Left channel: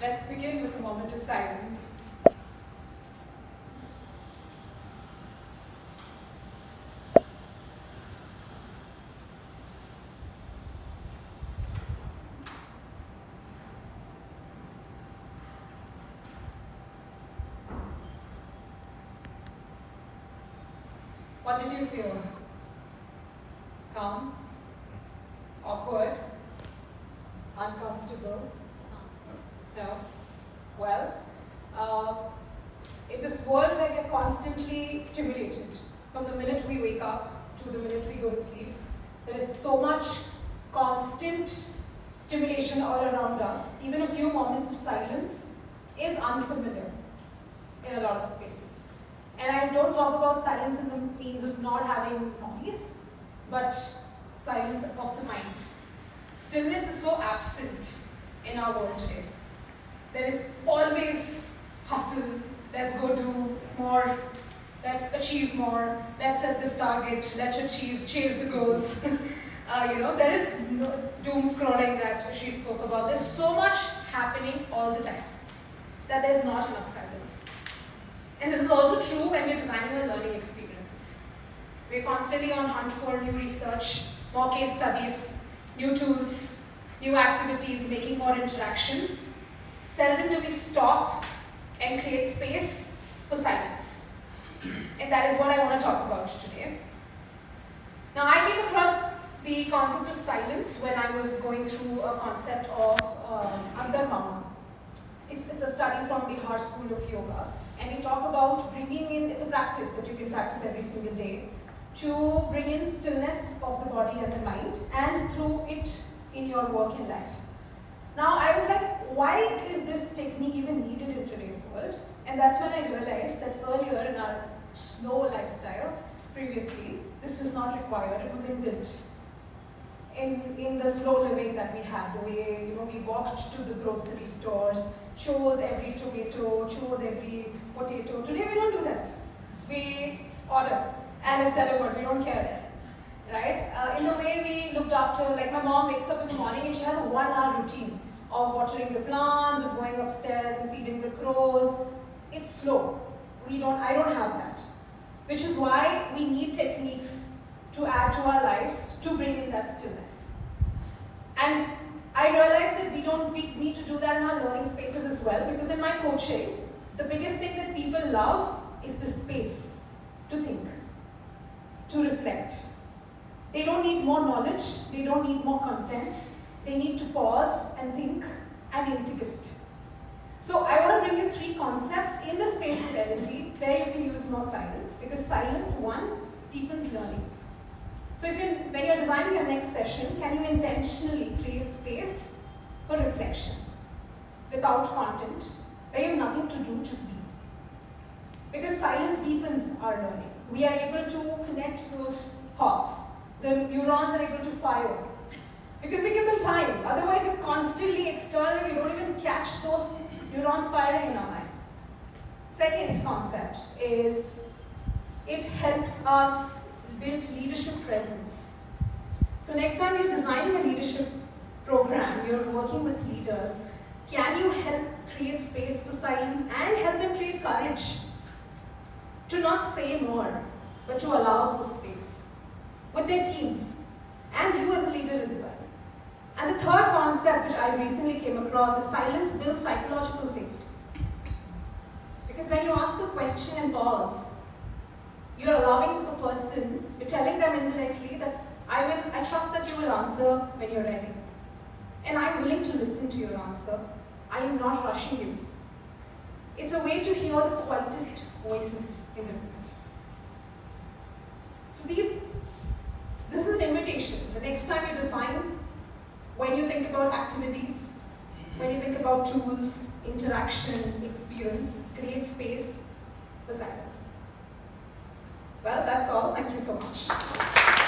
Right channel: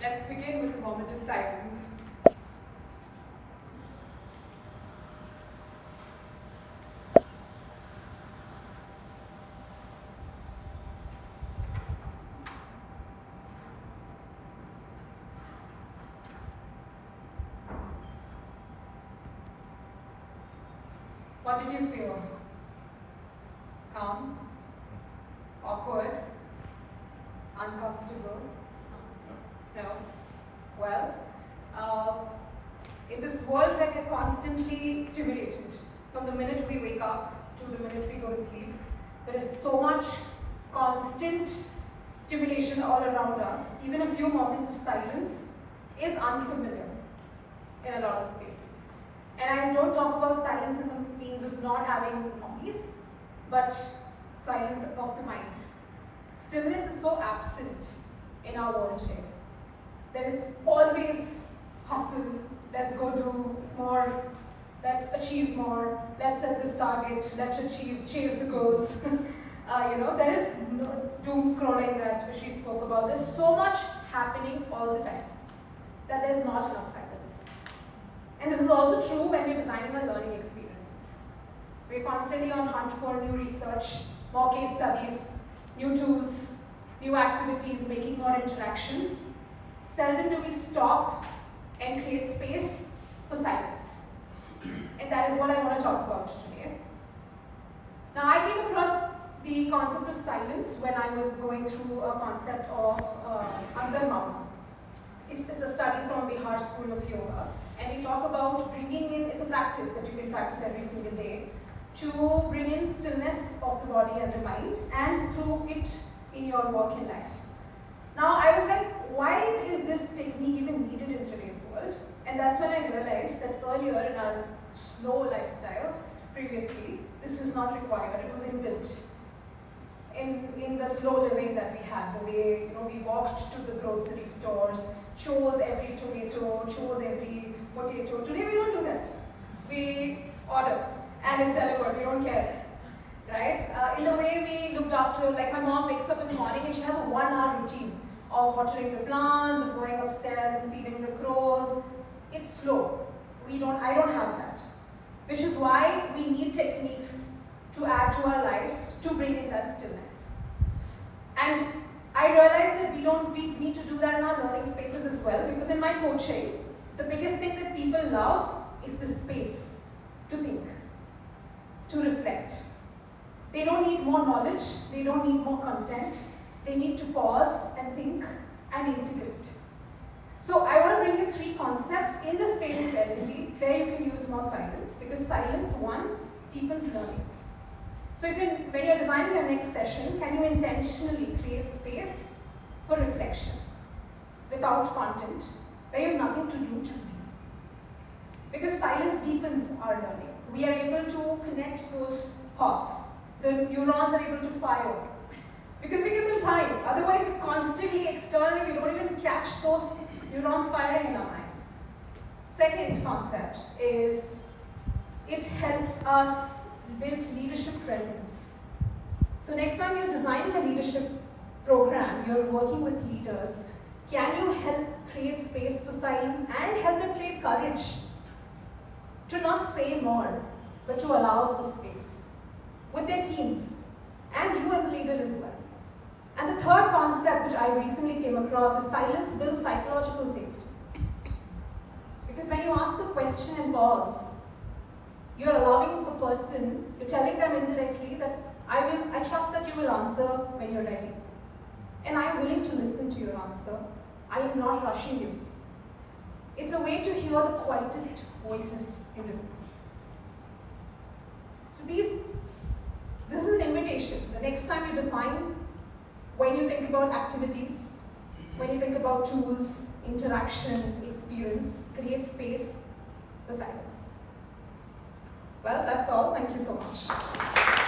Let's begin with a moment of silence. What did you feel? Calm? Awkward? Uncomfortable? No? Well, in this world where we're constantly stimulated, from the minute we wake up to the minute we go to sleep, there is so much constant stimulation all around us. Even a few moments of silence is unfamiliar in a lot of spaces. And I don't talk about silence in the means of not having noise, but silence of the mind. Stillness is so absent in our world today. There is always hustle, let's go do more, let's achieve more, let's set this target, let's chase the goals. There is doom scrolling that she spoke about. There's so much happening all the time that there's not enough silence. And this is also true when we're designing our learning experiences. We're constantly on hunt for new research, more case studies, new tools, new activities, making more interactions. Seldom do we stop and create space for silence. And that is what I want to talk about today. Now, I came across the concept of silence when I was going through a concept of Andar. It's a study from Bihar School of Yoga. And we talk about bringing in, it's a practice that you can practice every single day, to bring in stillness of the body and the mind, and through it in your work and life. Now, I was like, why is this technique even needed in today's world? And that's when I realized that earlier in our slow lifestyle, previously, this was not required, it was inbuilt. In the slow living that we had, the way we walked to the grocery stores, chose every tomato, chose every potato. Today we don't do that. We order and it's delivered, we don't care, right? In the way we looked after, like my mom wakes up in the morning and she has a 1-hour routine of watering the plants, of going upstairs and feeding the crows. It's slow. I don't have that. Which is why we need techniques to add to our lives to bring in that stillness. And I realized that we need to do that in our learning spaces as well, because in my coaching, the biggest thing that people love is the space to think, to reflect. They don't need more knowledge, they don't need more content, they need to pause and think and integrate. So I want to bring you 3 concepts in the space of L&D where you can use more silence, because silence, 1, deepens learning. So when you're designing your next session, can you intentionally create space for reflection without content, where you have nothing to do, just be? Because silence deepens our learning. We are able to connect those thoughts. The neurons are able to fire. Because we give them time. Otherwise, if constantly, externally, we don't even catch those neurons firing in our minds. Second concept is it helps us build leadership presence. So next time you're designing a leadership program, you're working with leaders, can you help create space for silence and help them create courage to not say more, but to allow for space with their teams and you as a leader as well. And the third concept which I recently came across is silence builds psychological safety. Because when you ask a question and pause, you're allowing the person, you're telling them indirectly that I trust that you will answer when you're ready. And I'm willing to listen to your answer. I am not rushing you. It's a way to hear the quietest voices in the room. So this is an invitation. The next time you design, when you think about activities, when you think about tools, interaction, experience, create space for silence. Well, that's all. Thank you so much.